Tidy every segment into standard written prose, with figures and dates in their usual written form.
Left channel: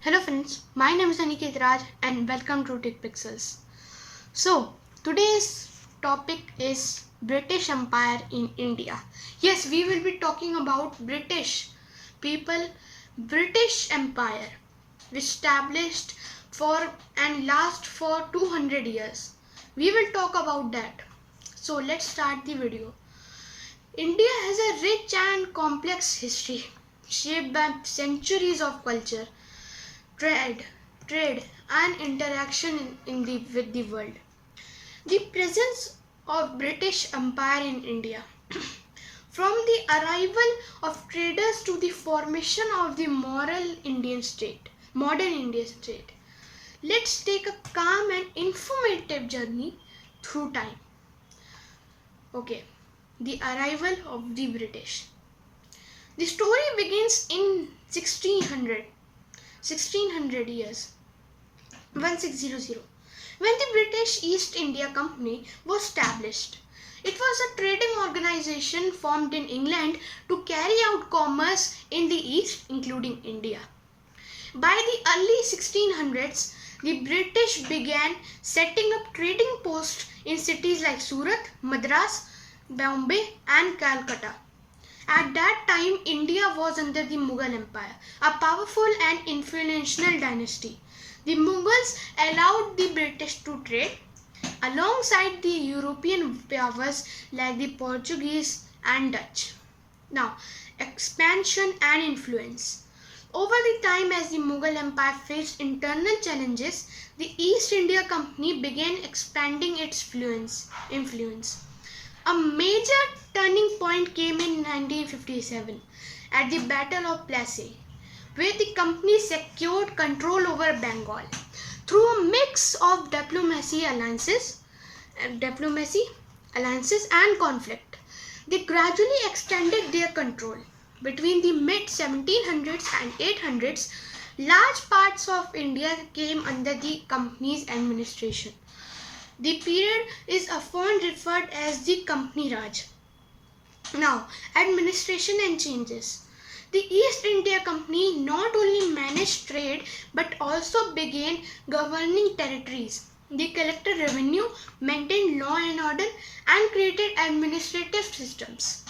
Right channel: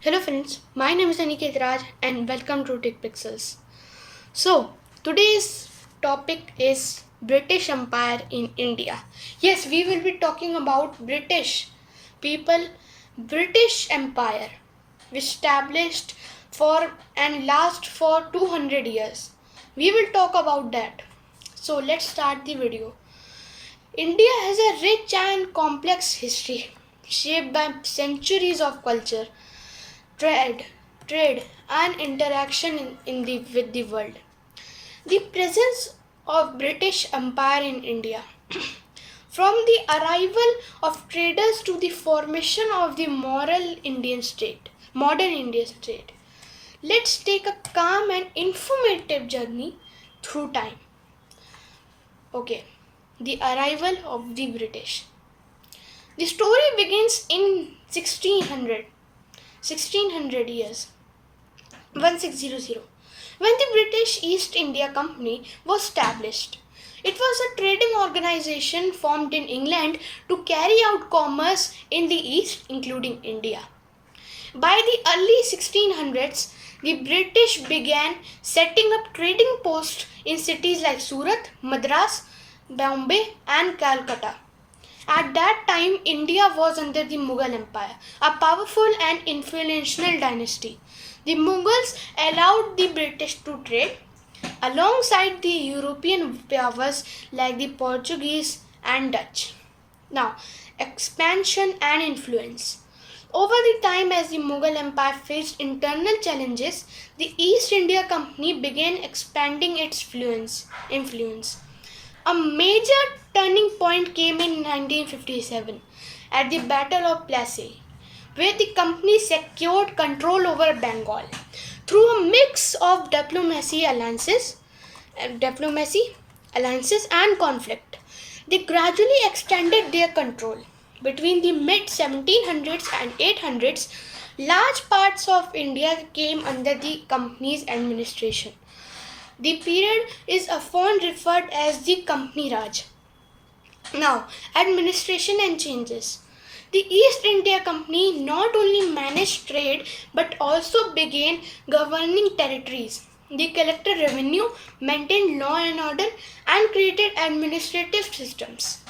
Hello friends, my name is Aniket Raj and welcome to Tech Pixels. So, today's topic is British Empire in India. Yes, we will be talking about British people, British Empire, which established for and last for 200 years. We will talk about that. So, let's start the video. India has a rich and complex history shaped by centuries of culture, trade, trade and interaction with the world. The presence of British Empire in India. From the arrival of traders to the formation of the modern Indian state. Let's take a calm and informative journey through time. Okay, the arrival of the British. The story begins in 1600 years 1600 when the British East India Company was established. It was a trading organization formed in England to carry out commerce in the East, including India. By the early 1600s, the British began setting up trading posts in cities like Surat, Madras, Bombay, and Calcutta. At that time, India was under the Mughal Empire, a powerful and influential dynasty. The Mughals allowed the British to trade alongside the European powers like the Portuguese and Dutch. Now, expansion and influence. Over the time, as the Mughal Empire faced internal challenges, the East India Company began expanding its influence. A major turning point came in 1957 at the Battle of Plassey, where the company secured control over Bengal through a mix of diplomacy, alliances and conflict. They gradually extended their control. Between the mid 1700s and 800s, large parts of India came under the company's administration. The period is often referred as the Company Raj. Now, administration and changes. The East India Company not only managed trade but also began governing territories. They collected revenue, maintained law and order, and created administrative systems.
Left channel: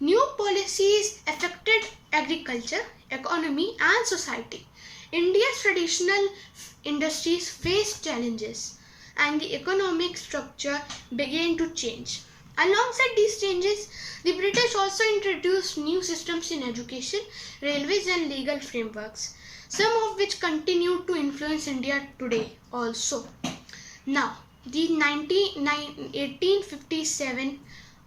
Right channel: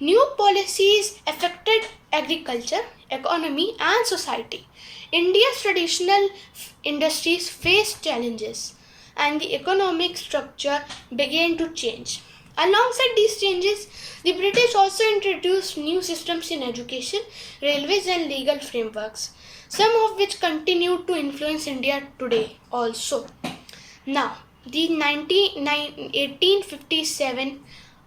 New policies affected agriculture, economy, and society. India's traditional industries faced challenges, and the economic structure began to change. Alongside these changes, the British also introduced new systems in education, railways, and legal frameworks, some of which continue to influence India today also. Now, the 1857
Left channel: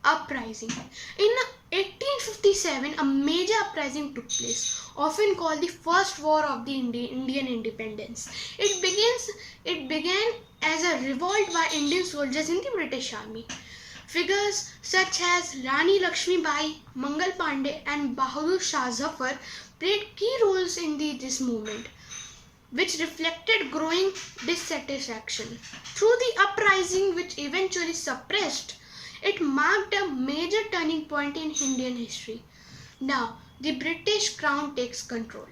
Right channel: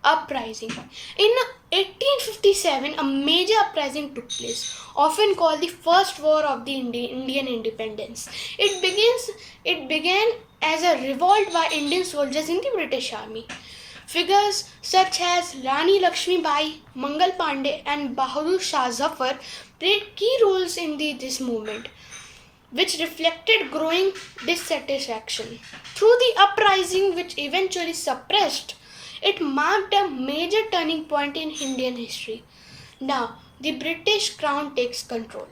uprising. In 1857, a major uprising took place, often called the First War of the Indian Independence. It began as a revolt by Indian soldiers in the British Army. Figures such as Rani Lakshmi Bai, Mangal Pandey, and Bahadur Shah Zafar played key roles in this movement, which reflected growing dissatisfaction. Through the uprising, which eventually suppressed, it marked a major turning point in Indian history. Now, the British Crown takes control.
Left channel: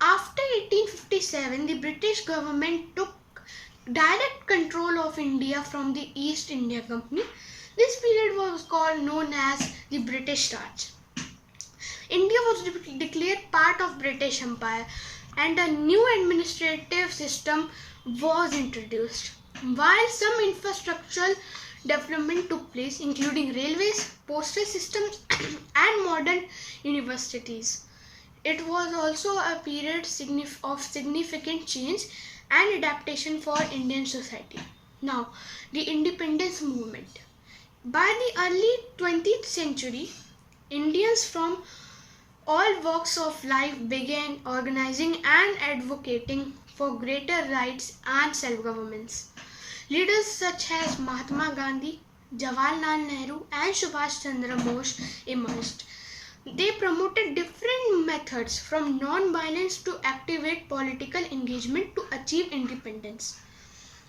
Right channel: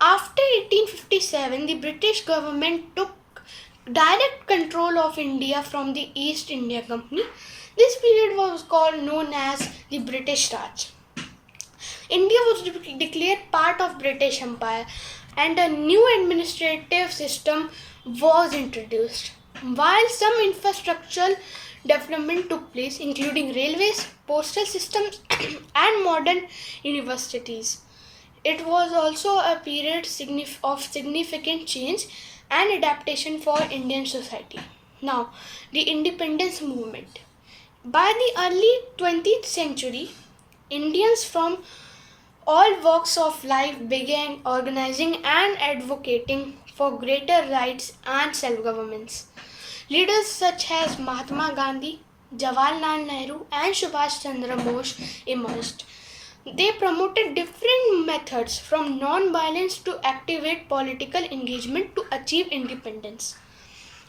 After 1857, the British government took direct control of India from the East India Company. This period was known as the British Raj. India was declared part of British Empire and a new administrative system was introduced. While some infrastructural development took place, including railways, postal systems, and modern universities, it was also a period of significant change and adaptation for Indian society. Now, the independence movement. By the early 20th century, Indians from all walks of life began organizing and advocating for greater rights and self-governments. Leaders such as Mahatma Gandhi, Jawaharlal Nehru, and Subhash Chandra Bose emerged. They promoted different methods from non-violence to activate political engagement to achieve independence.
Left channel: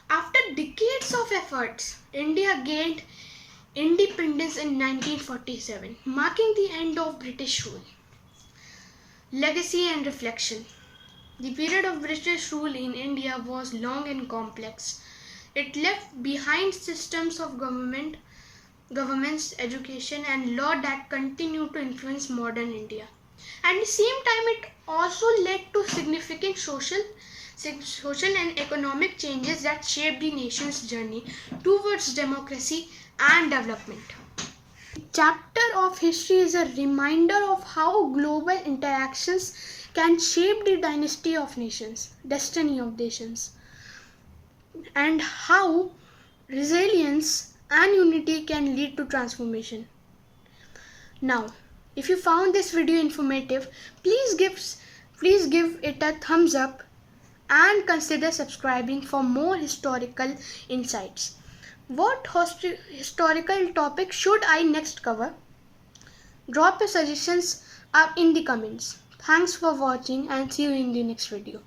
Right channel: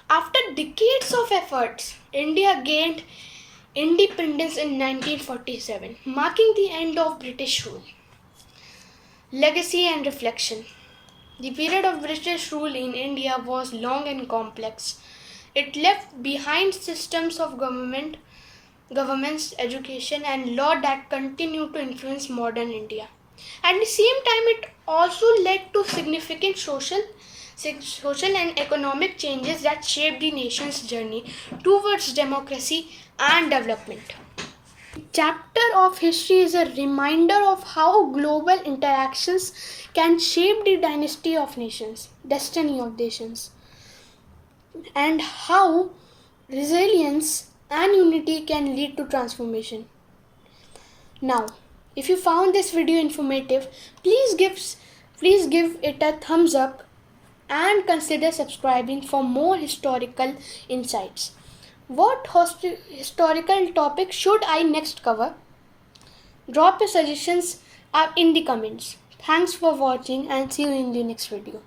After decades of efforts, India gained independence in 1947, marking the end of British rule. Legacy and reflection. The period of British rule in India was long and complex. It left behind systems of governments, education, and law that continue to influence modern India. At the same time, it also led to significant social and economic changes that shaped the nation's journey towards democracy and development. The chapter of history is a reminder of how global interactions can shape the destiny of nations, and how resilience and unity can lead to transformation. Now, if you found this video informative, please give it a thumbs up and consider subscribing for more historical insights. What historical topic should I next cover? Drop your suggestions in the comments. Thanks for watching and see you in the next video.